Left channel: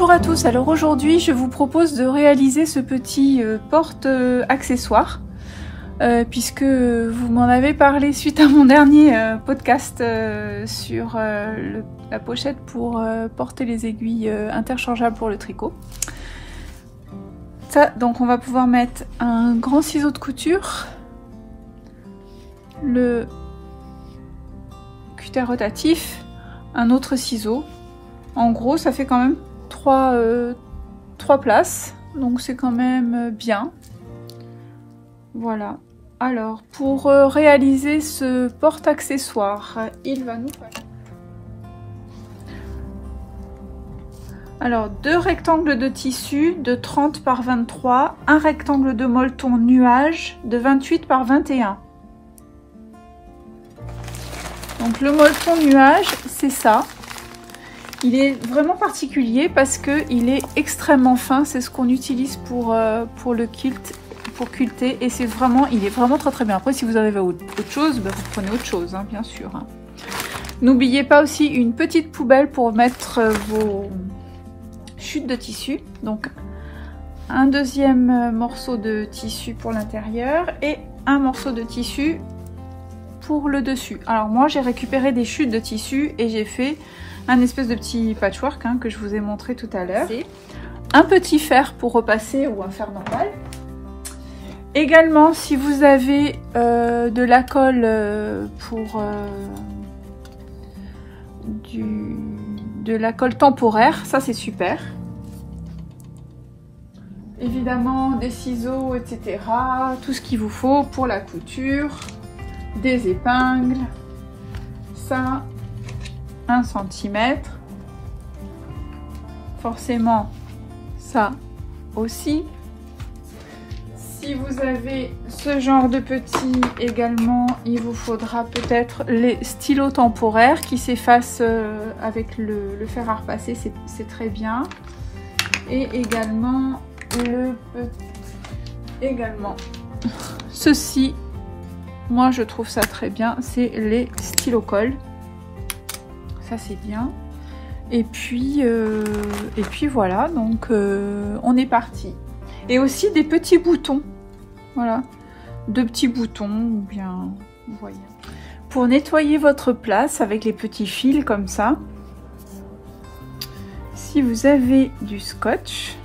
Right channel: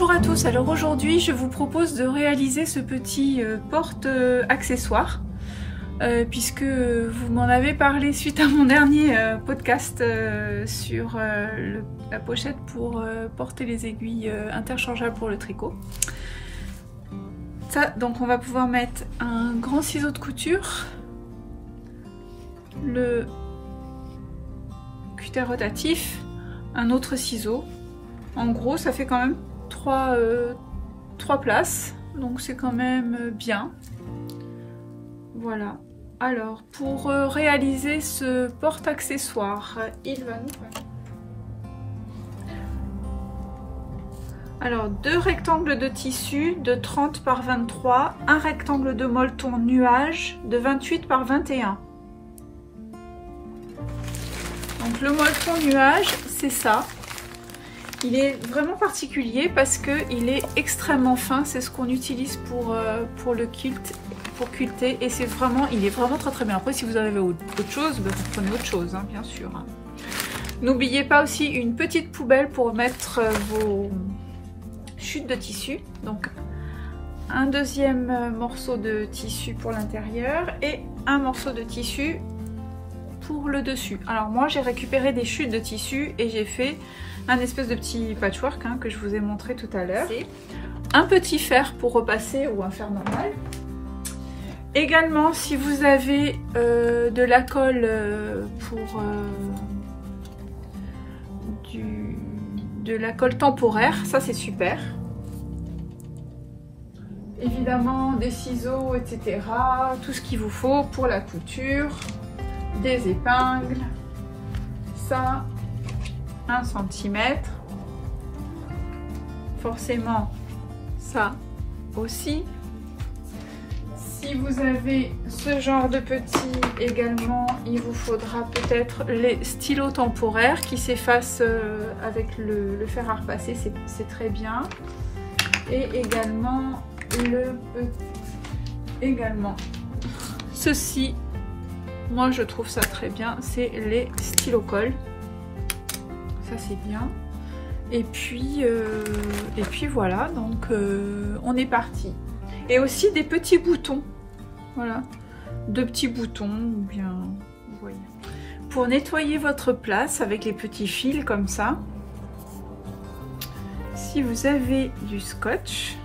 Bonjour à tous, alors aujourd'hui je vous propose de réaliser ce petit porte-accessoire puisque vous m'en avez parlé suite à mon dernier podcast sur la pochette pour porter les aiguilles interchangeables pour le tricot. Ça, donc on va pouvoir mettre un grand ciseau de couture, le cutter rotatif, un autre ciseau. En gros ça fait quand même trois places, donc c'est quand même bien. Voilà. Alors pour réaliser ce porte-accessoire, il va nous falloir alors 2 rectangles de tissu de 30 par 23, un rectangle de molleton nuage de 28 par 21. Donc le molleton nuage, c'est ça. Il est vraiment particulier parce qu'il est extrêmement fin, c'est ce qu'on utilise pour le kilt, pour quilter, et c'est vraiment, il est vraiment très bien. Après si vous avez autre chose, bah, vous prenez autre chose, hein, bien sûr. Hein. N'oubliez pas aussi une petite poubelle pour mettre vos chutes de tissu. Donc un deuxième morceau de tissu pour l'intérieur et un morceau de tissu pour le dessus. Alors moi j'ai récupéré des chutes de tissu et j'ai fait un espèce de petit patchwork hein, que je vous ai montré tout à l'heure. Un petit fer pour repasser ou un fer normal. Également, si vous avez de la colle pour de la colle temporaire, ça c'est super. Évidemment, des ciseaux, etc. Tout ce qu'il vous faut pour la couture, des épingles, ça. 1 cm, forcément ça aussi. Si vous avez ce genre de petit également, il vous faudra peut-être les stylos temporaires qui s'effacent avec le fer à repasser, c'est très bien. Et également ceci, moi je trouve ça très bien, c'est les stylos colle. Ça c'est bien. Et puis voilà, donc on est parti. Et aussi des petits boutons. Voilà. 2 petits boutons, bien, vous voyez. Pour nettoyer votre place avec les petits fils comme ça. Si vous avez du scotch.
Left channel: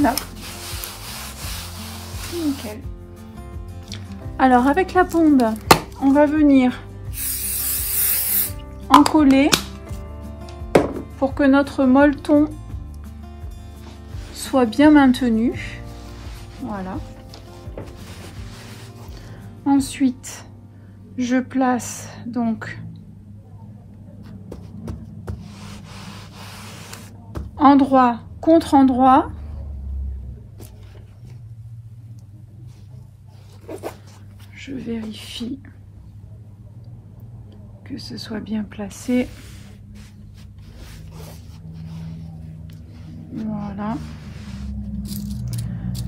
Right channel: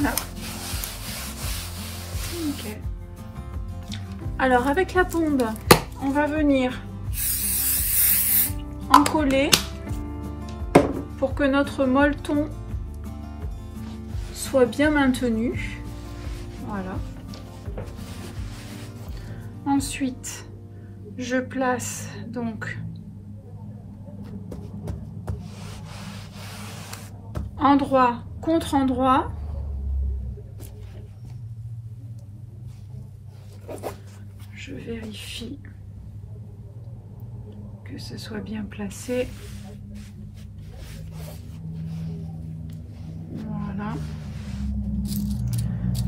Voilà. Nickel. Alors avec la bombe, on va venir encoller pour que notre molleton soit bien maintenu. Voilà. Ensuite, je place donc endroit contre endroit. Je vérifie que ce soit bien placé. Voilà.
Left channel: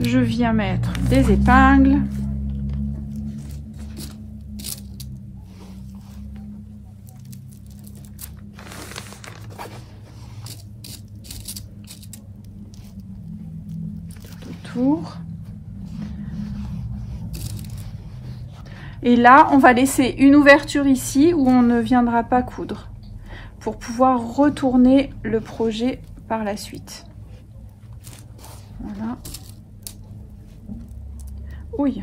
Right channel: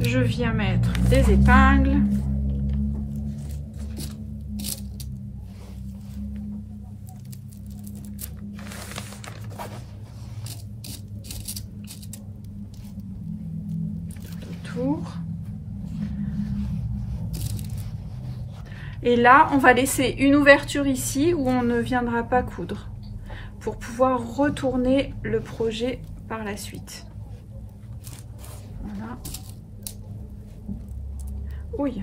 Je viens mettre des épingles. Autour. Et là, on va laisser une ouverture ici où on ne viendra pas coudre pour pouvoir retourner le projet par la suite. Voilà. Oui.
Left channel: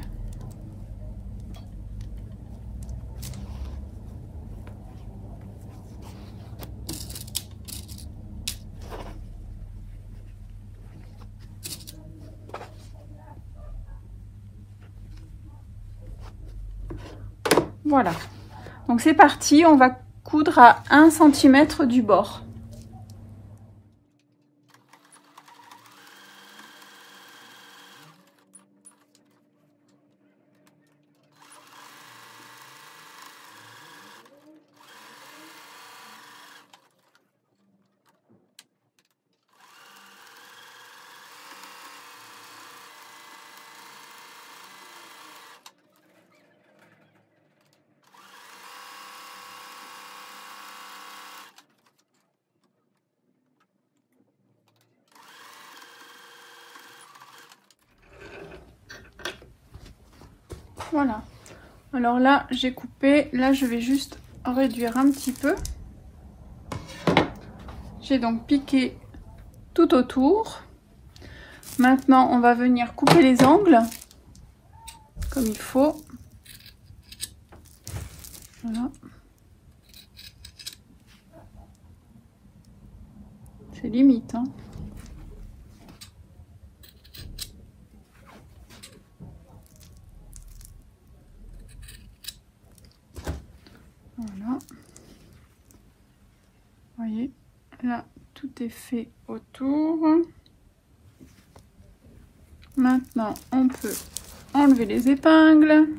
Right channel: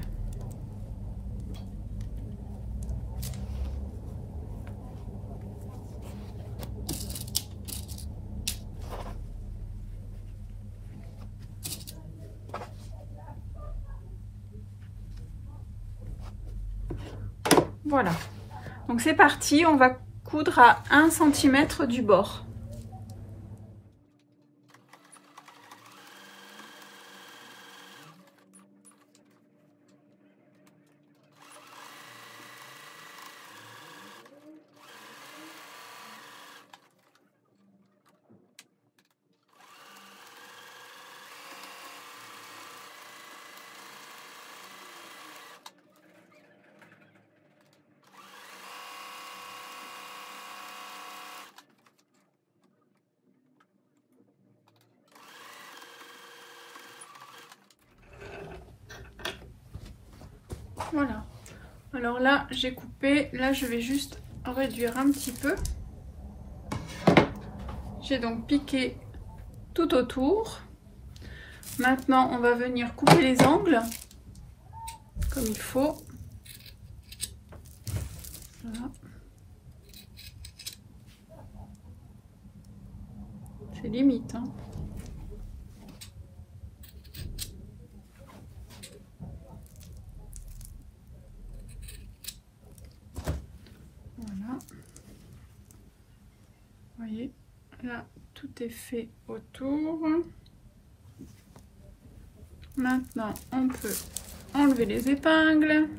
Voilà, donc c'est parti, on va coudre à 1 cm du bord. Voilà. Alors là, j'ai coupé. Là, je vais juste réduire un petit peu. J'ai donc piqué tout autour. Maintenant, on va venir couper les angles comme il faut. Voilà. C'est limite, hein. Voilà. Vous voyez, là, tout est fait autour. Maintenant, on peut enlever les épingles.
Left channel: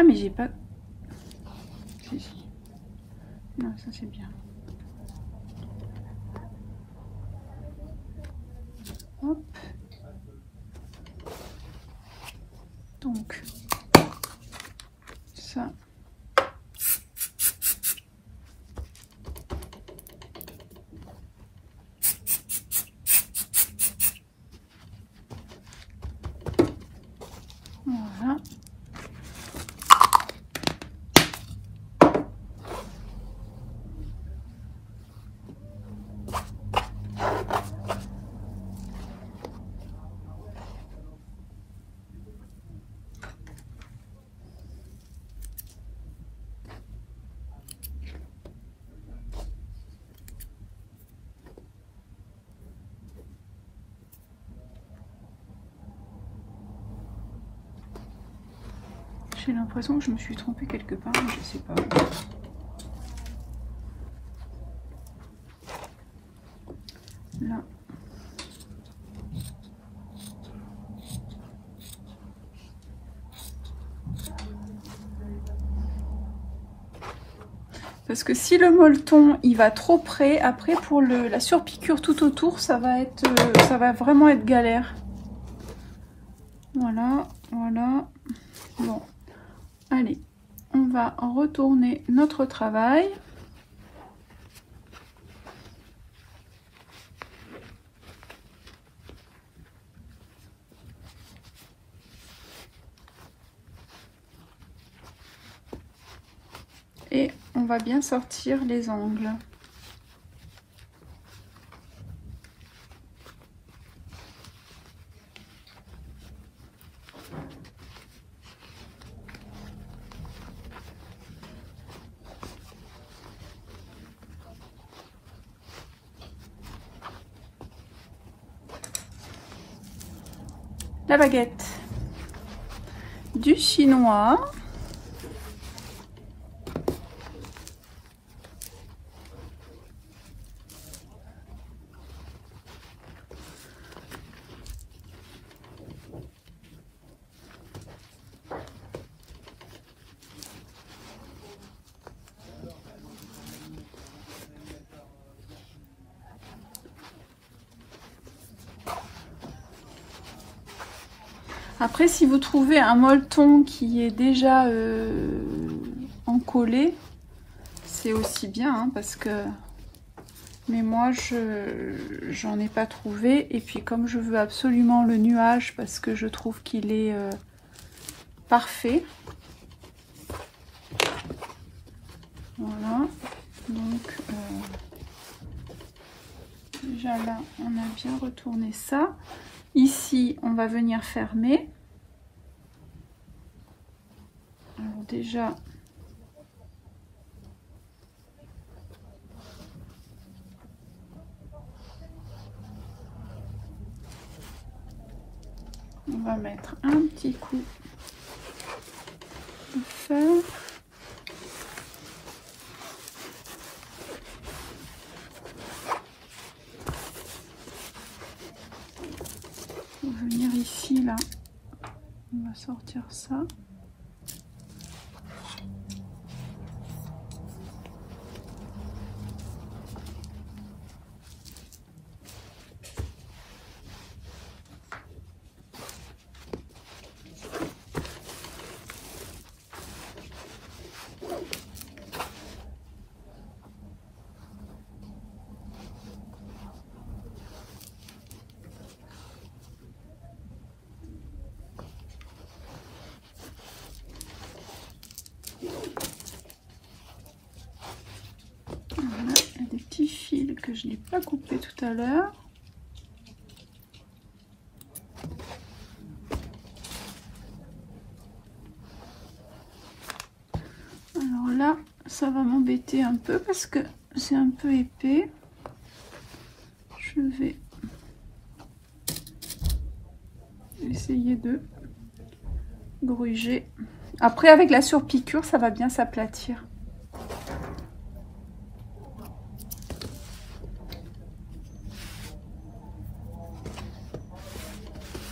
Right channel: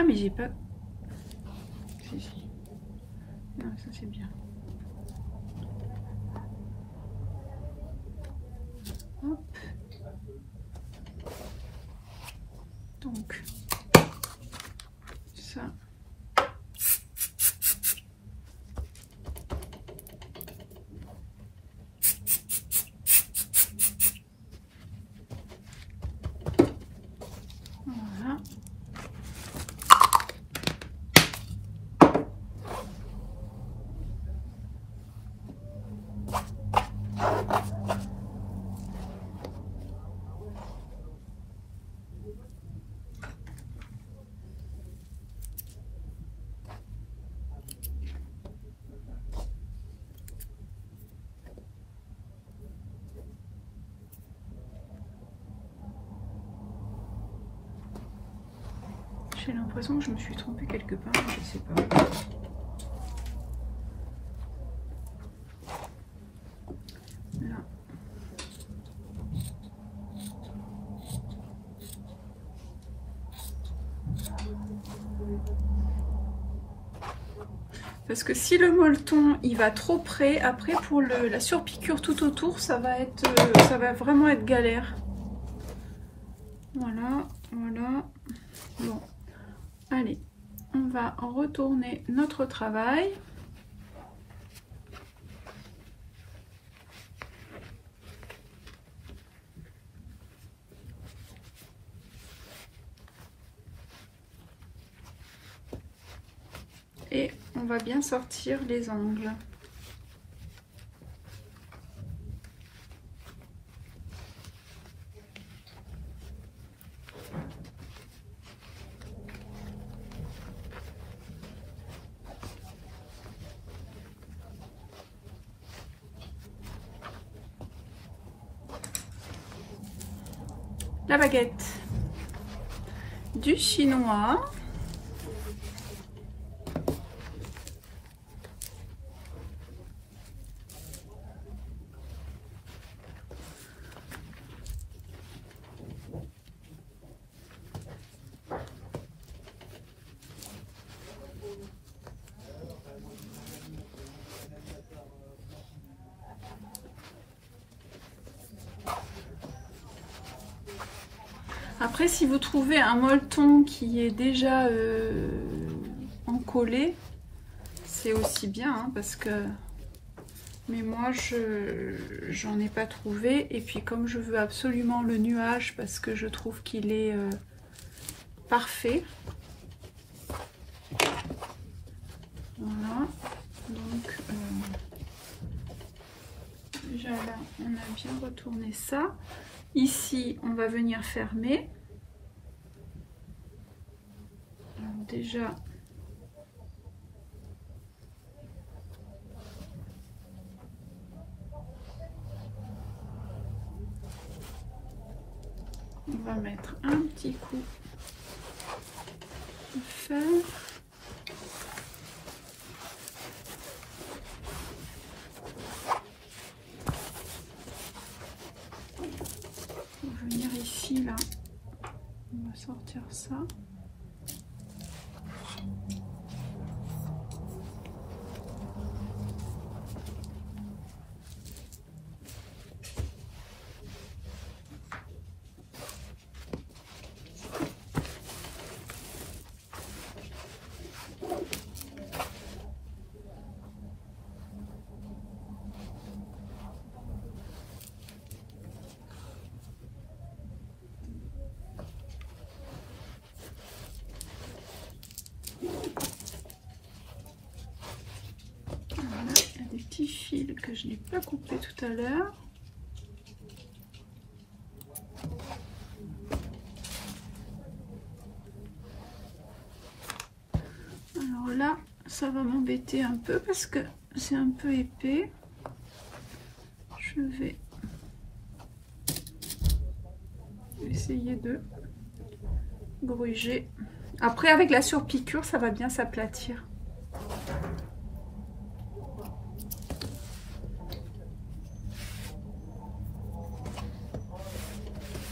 Ah mais j'ai pas... Si, si. Non, ça c'est bien. Hop. Donc, ça. Voilà. J'ai l'impression que je me suis trompée quelque part, mais je sais pas. Là. Parce que si le molleton il va trop près, après pour la surpiqûre tout autour, ça va vraiment être galère. Voilà, voilà. Bon, allez, on va retourner notre travail. Et on va bien sortir les angles. La baguette, du chinois. Après, si vous trouvez un molleton qui est déjà encollé, c'est aussi bien, hein, parce que... Mais moi, j'en ai pas trouvé. Et puis, comme je veux absolument le nuage, parce que je trouve qu'il est parfait. Voilà. Donc, déjà là, on a bien retourné ça. Ici, on va venir fermer. Alors déjà, on va mettre un petit coup de fer. On va venir ici, là. On va sortir ça. petit fil que je n'ai pas coupé tout à l'heure. Alors là, ça va m'embêter un peu parce que c'est un peu épais. Je vais essayer de gruger. Après, avec la surpiqûre, ça va bien s'aplatir.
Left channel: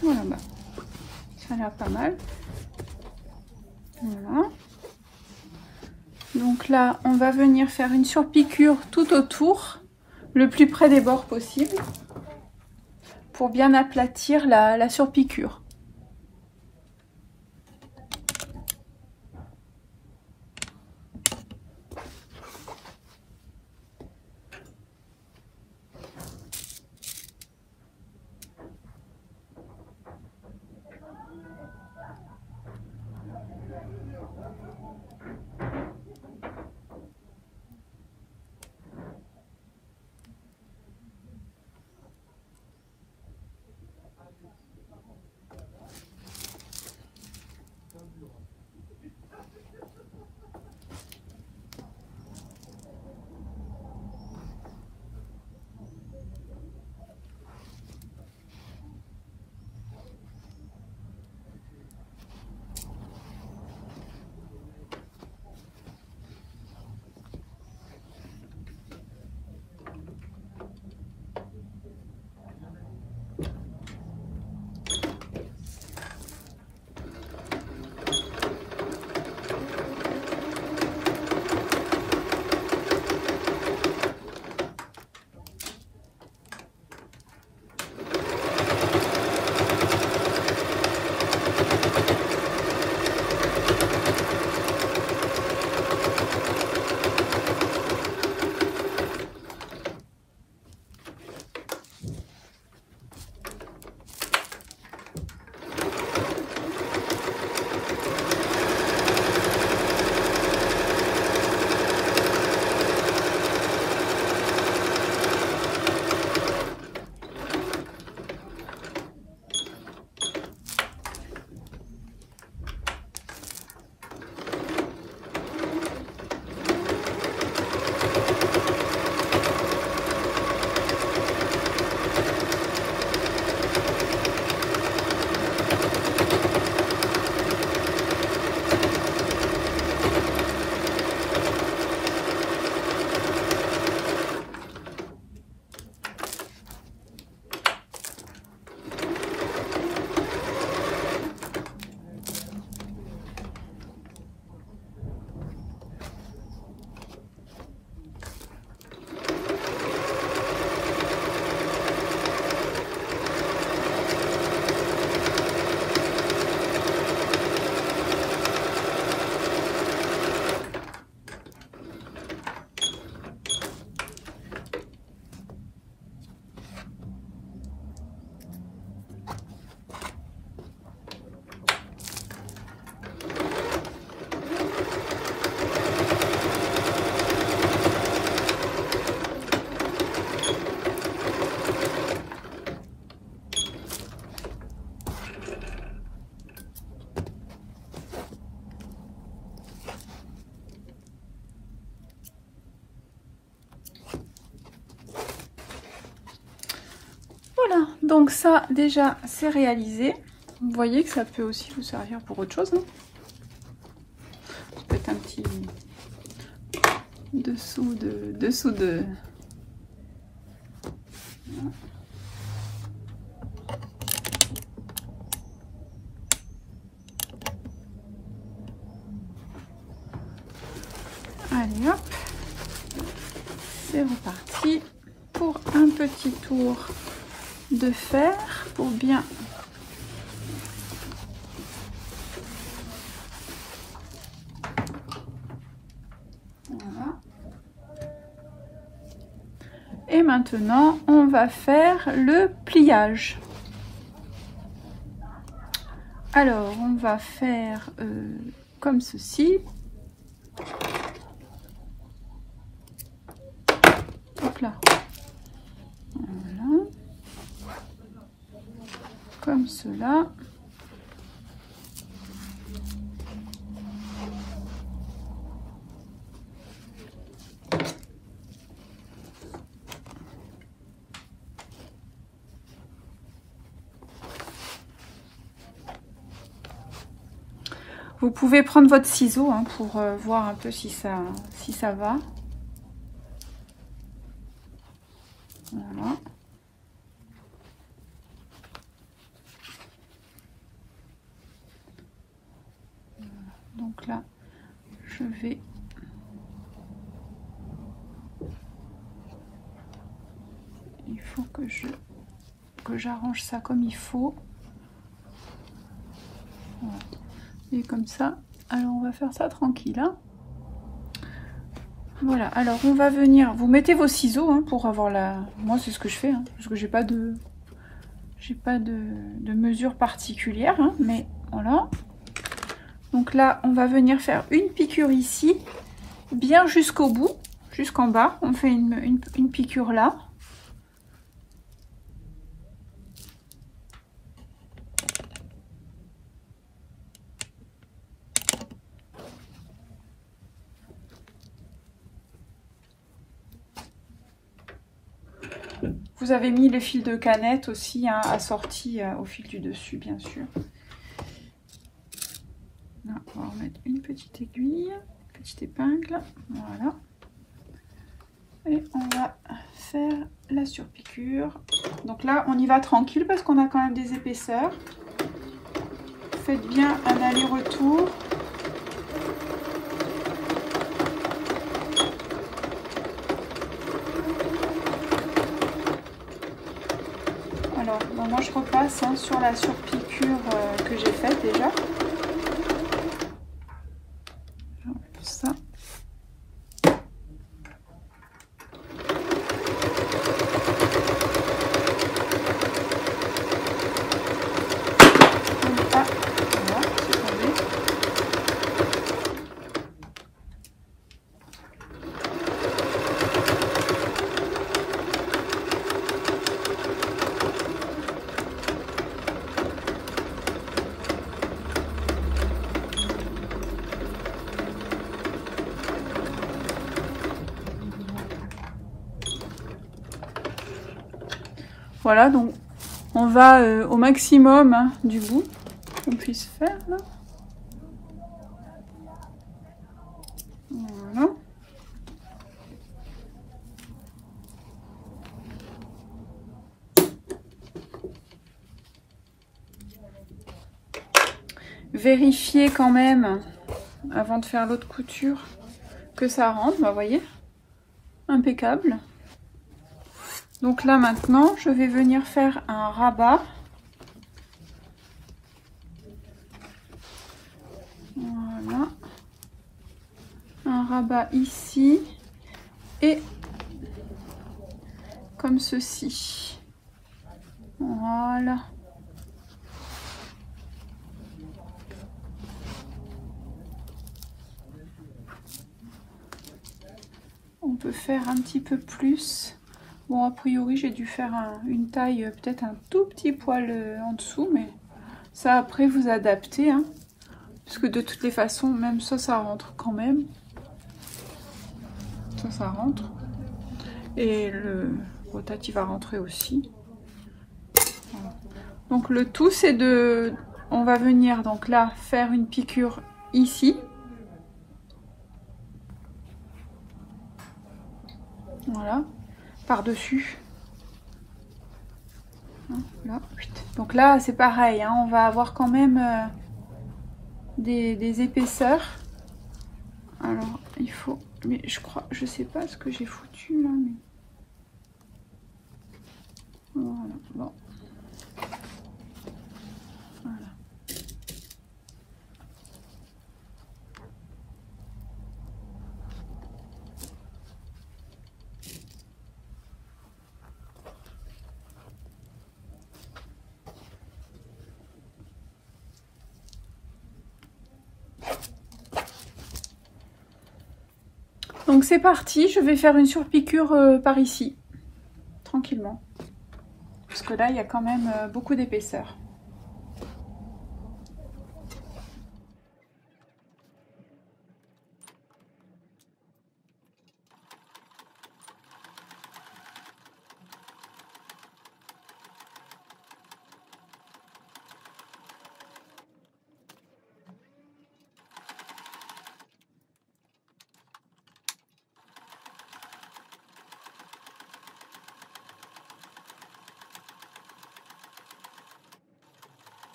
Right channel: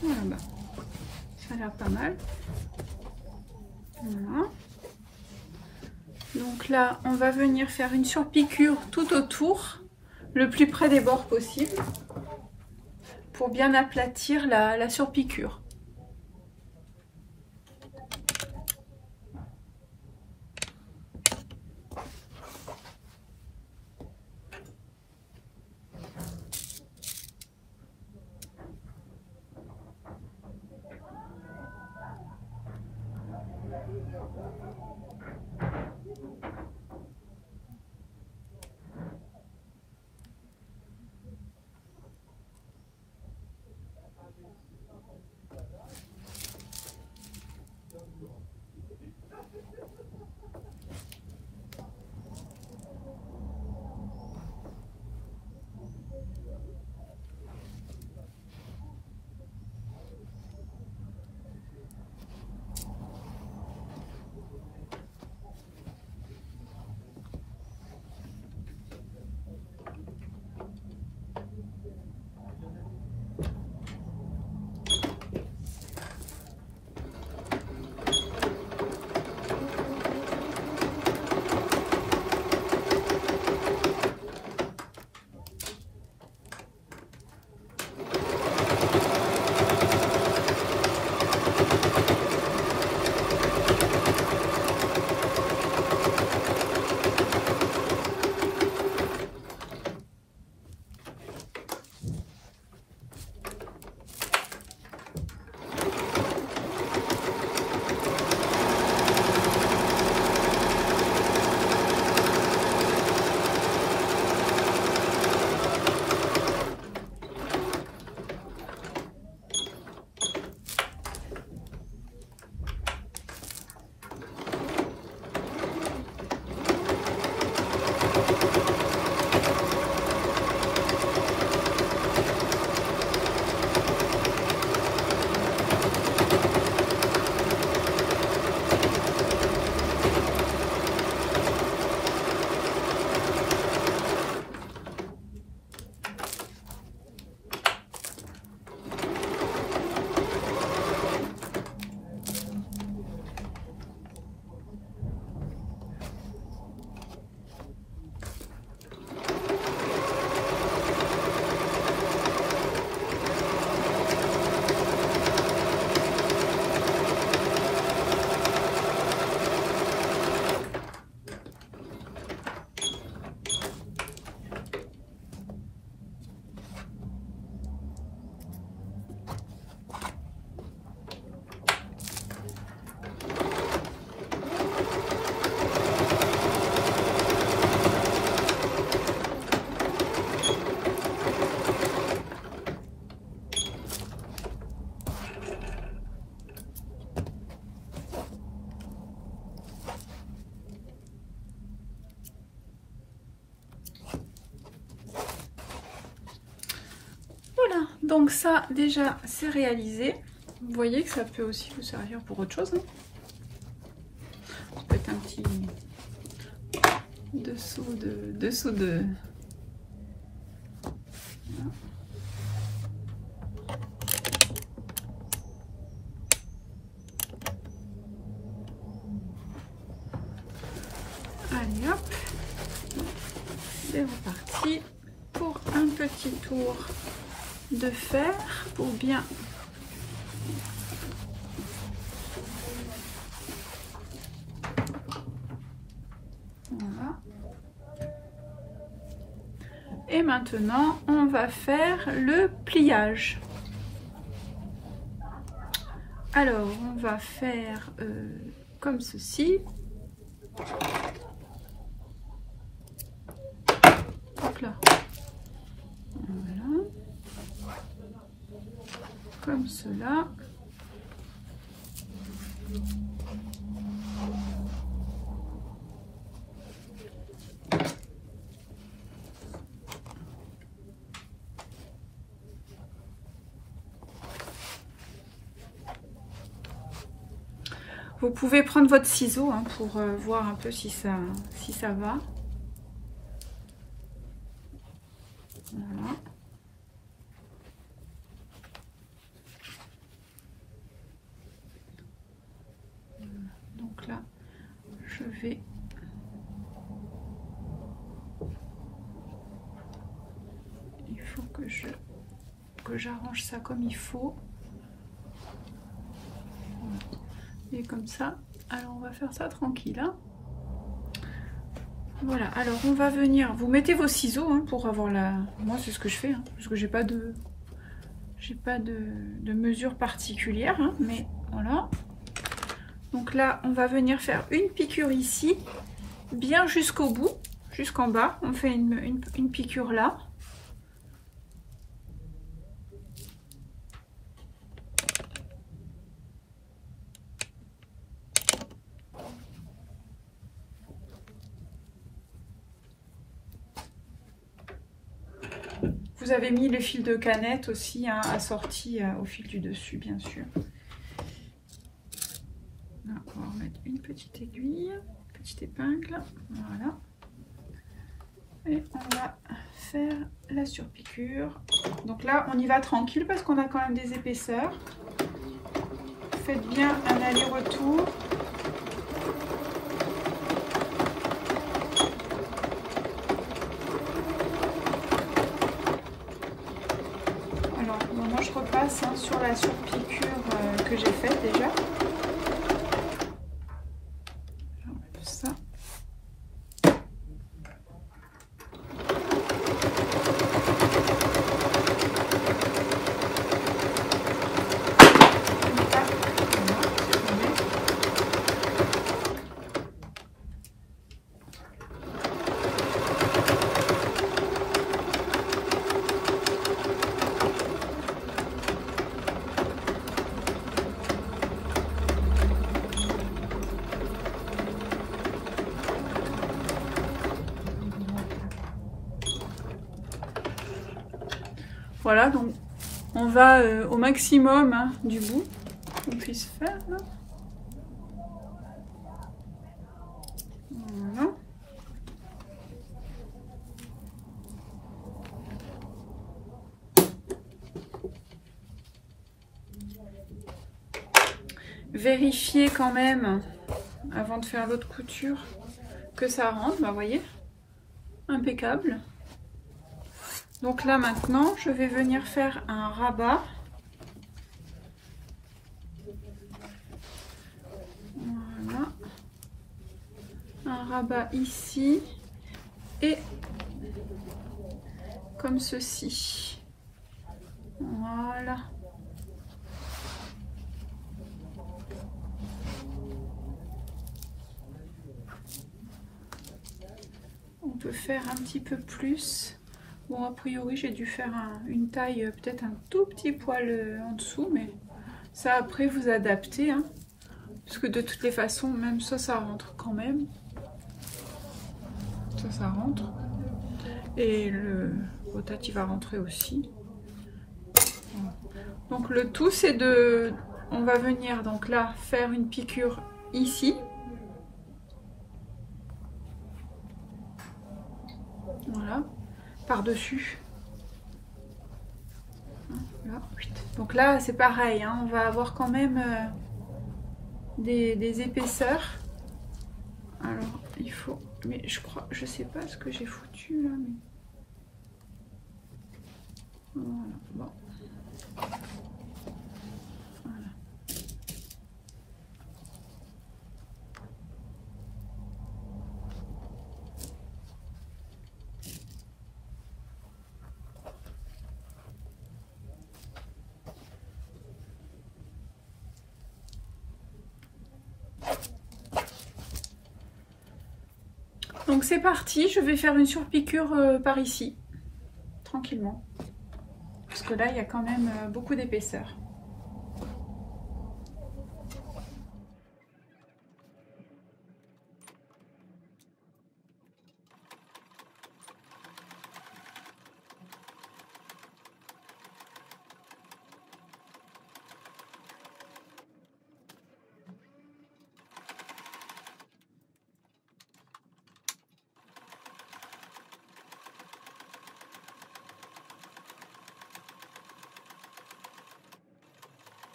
Voilà, ça a l'air pas mal. Voilà. Donc là, on va venir faire une surpiqûre tout autour, le plus près des bords possible, pour bien aplatir la surpiqûre. Donc ça déjà c'est réalisé. Vous voyez que ça peut aussi vous servir pour autre chose, hein. Peut-être un petit dessous de... Allez hop, c'est reparti pour un petit tour de fer pour bien voilà. Et maintenant on va faire le pliage. Alors on va faire comme ceci. Hop donc là. Voilà. Comme cela. Vous pouvez prendre votre ciseau hein, pour voir un peu si ça va. Voilà. Donc là, je vais... Il faut que j'arrange ça comme il faut. Voilà. Et comme ça, alors on va faire ça tranquille. Hein. Voilà, alors on va venir, vous mettez vos ciseaux hein, pour avoir la... Moi c'est ce que je fais, hein, parce que j'ai pas de mesure particulière, hein, mais voilà. Donc là, on va venir faire une piqûre ici, bien jusqu'au bout, jusqu'en bas. On fait une piqûre là. Vous avez mis les fils de canette aussi, hein, assortis au fil du dessus, bien sûr. Là, on va remettre une petite aiguille, une petite épingle, voilà. Et on va faire la surpiqûre. Donc là, on y va tranquille parce qu'on a quand même des épaisseurs. Faites bien un aller-retour. Moi je repasse hein, sur la surpiqûre que j'ai faite déjà. Ça. Voilà, donc on va au maximum hein, du bout qu'on puisse faire. Là. Voilà. Vérifiez quand même, avant de faire l'autre couture, que ça rentre, bah, vous voyez, impeccable. Donc là maintenant, je vais venir faire un rabat. Voilà. Un rabat ici et comme ceci. Voilà. On peut faire un petit peu plus. Bon, a priori, j'ai dû faire une taille peut-être un tout petit poil en dessous, mais ça après vous adaptez, hein, parce que de toutes les façons, même ça rentre quand même. Ça rentre. Et le rotate, il va rentrer aussi. Voilà. Donc le tout, c'est de... On va venir donc là faire une piqûre ici. Voilà. Par-dessus. Donc là, c'est pareil, hein, on va avoir quand même des épaisseurs. Alors, il faut... Mais je crois... Je sais pas ce que j'ai foutu, moi. Mais... Voilà, bon. Voilà. Donc c'est parti, je vais faire une surpiqûre par ici, tranquillement. Parce que là, il y a quand même beaucoup d'épaisseur.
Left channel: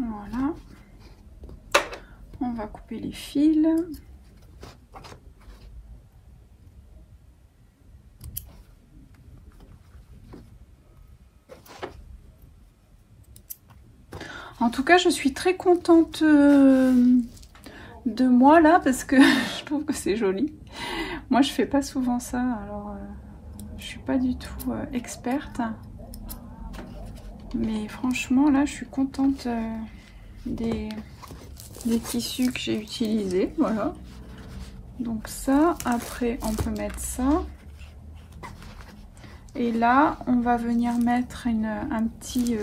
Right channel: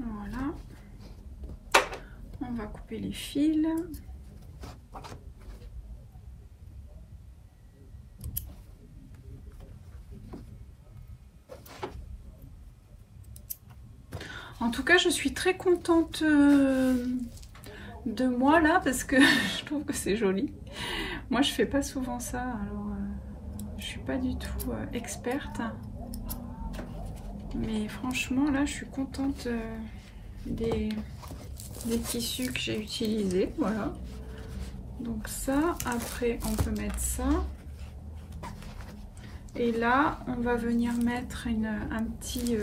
Voilà, on va couper les fils. En tout cas, je suis très contente de moi là parce que je trouve que c'est joli. Moi, je fais pas souvent ça, alors je suis pas du tout experte. Mais franchement, là, je suis contente des tissus que j'ai utilisés. Voilà. Donc ça, après, on peut mettre ça. Et là, on va venir mettre un petit...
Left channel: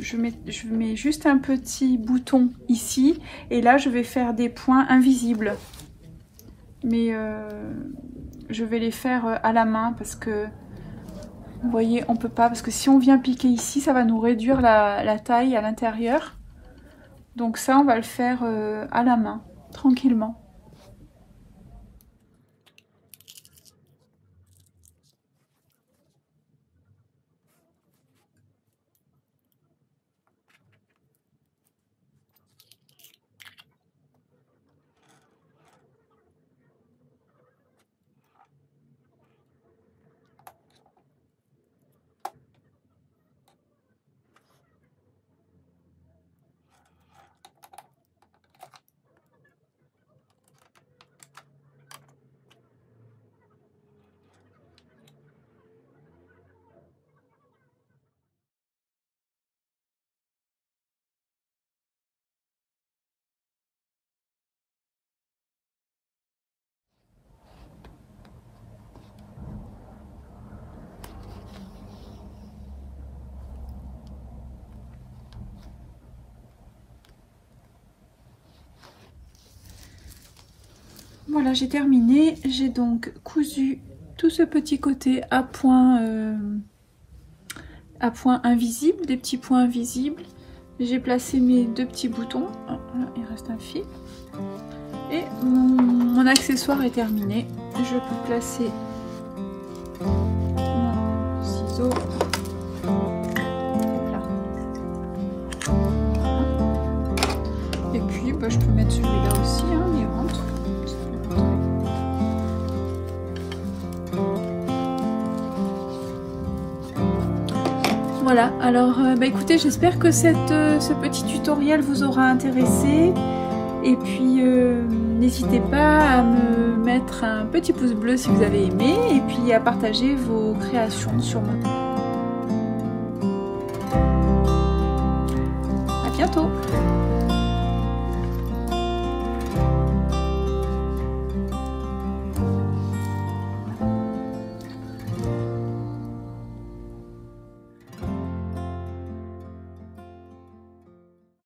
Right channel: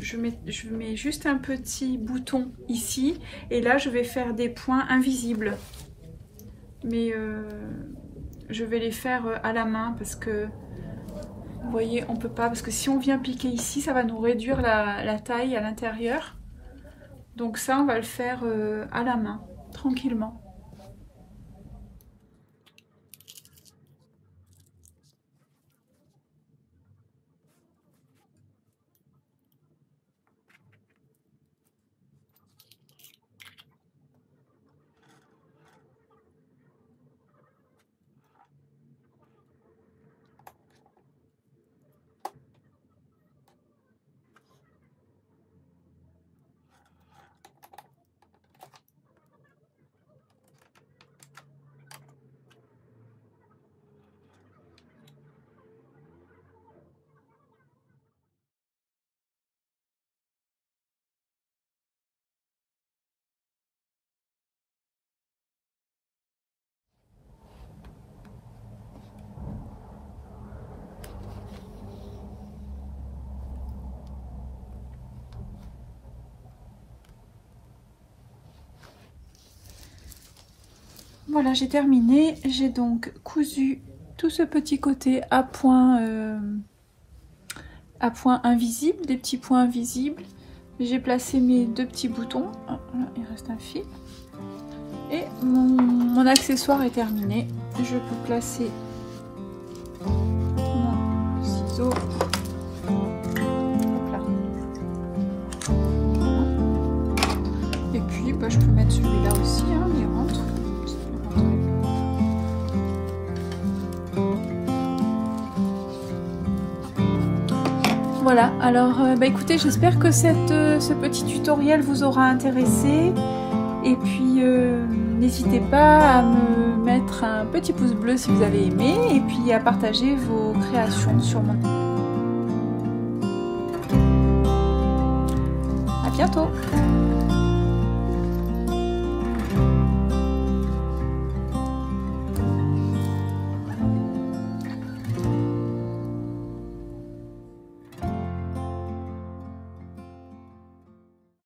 je mets juste un petit bouton ici. Et là, je vais faire des points invisibles. Mais... je vais les faire à la main parce que vous voyez, on peut pas, parce que si on vient piquer ici, ça va nous réduire la taille à l'intérieur. Donc ça, on va le faire à la main, tranquillement. Voilà, j'ai terminé. J'ai donc cousu tout ce petit côté à points invisibles, des petits points invisibles. J'ai placé mes deux petits boutons. Oh, là, il reste un fil. Et mon accessoire est terminé. Je peux placer mon ciseau. Là. Et puis, bah, je peux mettre celui-là aussi, hein, il rentre. Voilà, alors bah écoutez, j'espère que ce petit tutoriel vous aura intéressé. Et puis n'hésitez pas à me mettre un petit pouce bleu si vous avez aimé. Et puis à partager vos créations sur mon... À bientôt.